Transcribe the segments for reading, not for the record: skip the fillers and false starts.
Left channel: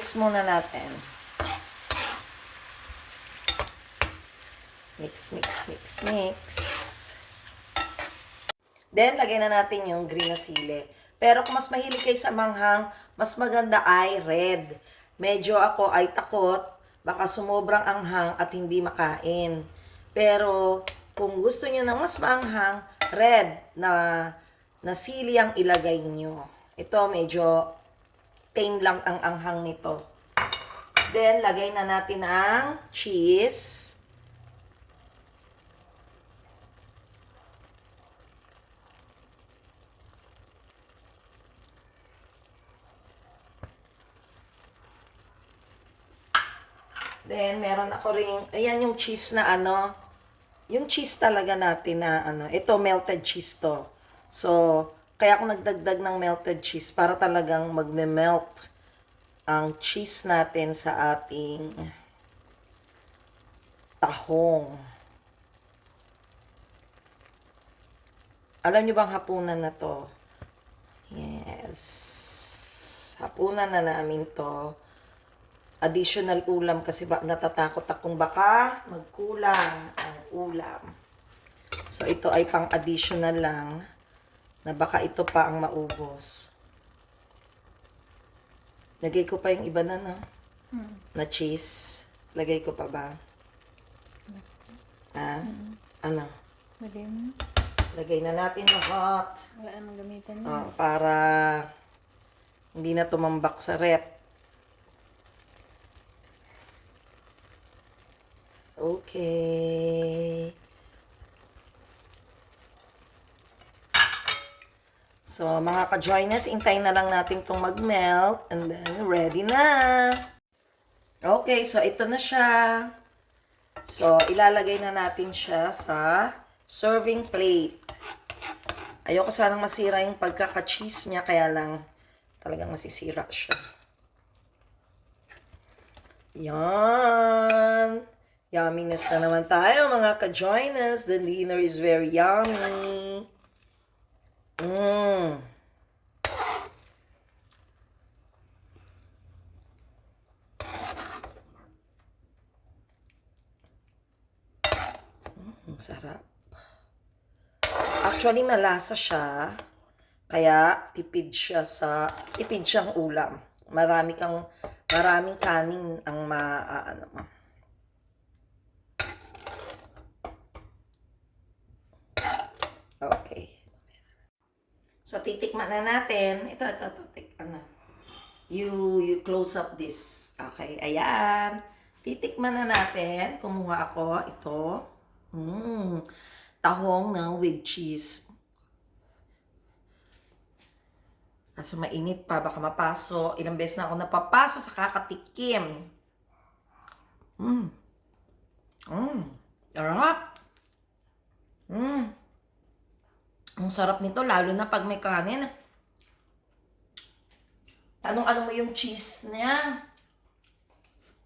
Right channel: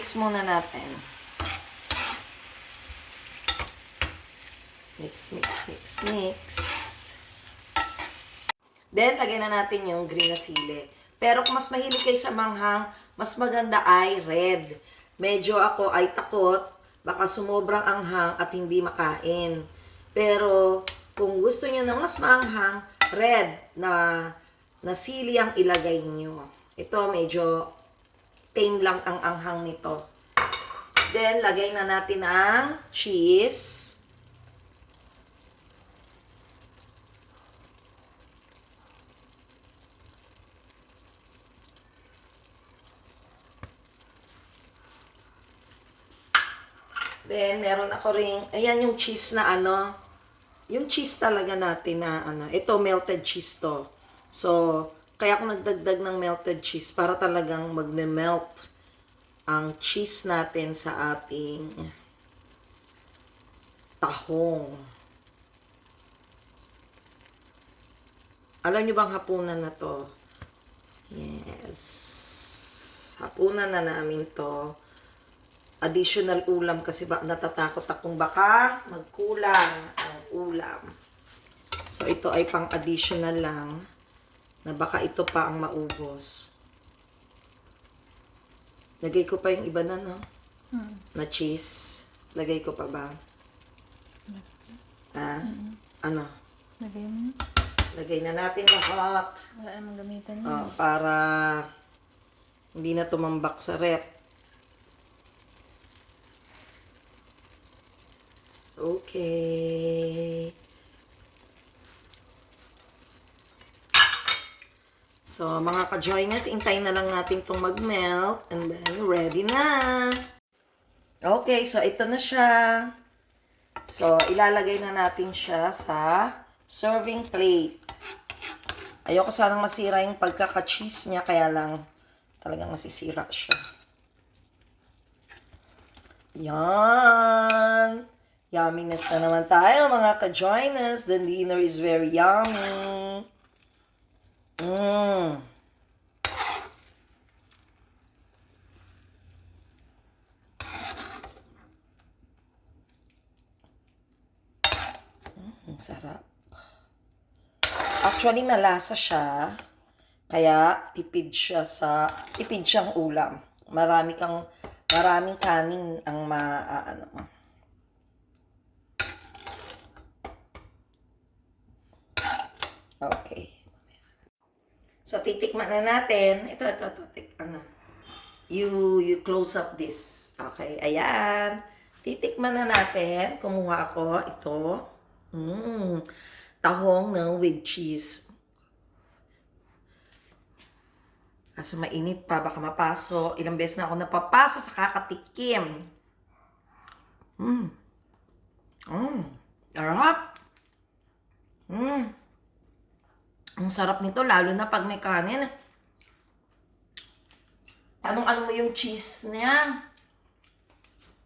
mix muna natin. Mix, mix, mix, mix. Then, lagay na natin yung green na sili. Pero kung mas mahilig kayo sa manghang, mas maganda ay red. Medyo ako ay takot, baka sumobrang anghang at hindi makain. Pero, kung gusto nyo ng mas maanghang, red na sili ang ilagay nyo. Ito, medyo tame lang ang anghang nito. Then, lagay na natin ang cheese. Then, meron ako ring, ayan yung cheese na ano, yung cheese talaga natin na ano, ito melted cheese to. So, kaya ako nagdagdag ng melted cheese para talagang magme-melt ang cheese natin sa ating tahong. Alam niyo bang hapunan na to? Yes. Hapunan na namin to. Additional ulam kasi natatakot akong baka magkulang ang ulam. So, ito ay pang additional lang na baka ito pa ang maubos. Lagay ko pa yung iba na, no? Na cheese. Lagay ko pa ba? Ha? Ano? Lagay mo. Lagay na natin lahat. Wala namang gamitan yun. Para hindi na tumambak sa rep. Okay. So, mga ka-joiners, intayin na lang natin itong mag-melt. And then, ready na. Okay, so ito na siya. So, ilalagay na natin siya sa serving plate. Ayoko sanang masira yung pagkaka-cheese niya, kaya lang talagang masisira siya. Yan. Yumminess na naman tayo, mga ka-joiners. The dinner is very yummy. Ang sarap. Actually, malasa siya. Kaya, tipid siyang ulam. Maraming kanin ang Okay. So, titikman na natin. Ito. You close up this. Okay, ayan. Titikman na natin. Kumuha ako. Ito. Tahong na with cheese. Kaso mainit pa. Baka mapaso. Ilang beses na ako napapaso sa kakatikim. Sarap. Ang sarap nito, lalo na pag may kanin. Anong-ano mo yung cheese niya?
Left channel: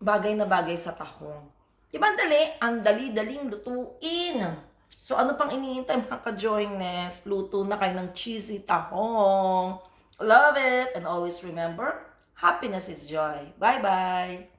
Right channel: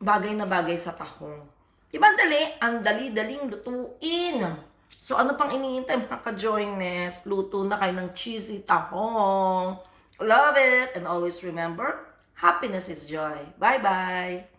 Bagay na bagay sa tahong. Diba ang dali? Ang dali-daling lutuin. So, ano pang iniintay mga ka-joiners? Luto na kayo ng cheesy tahong. Love it! And always remember, happiness is joy. Bye-bye!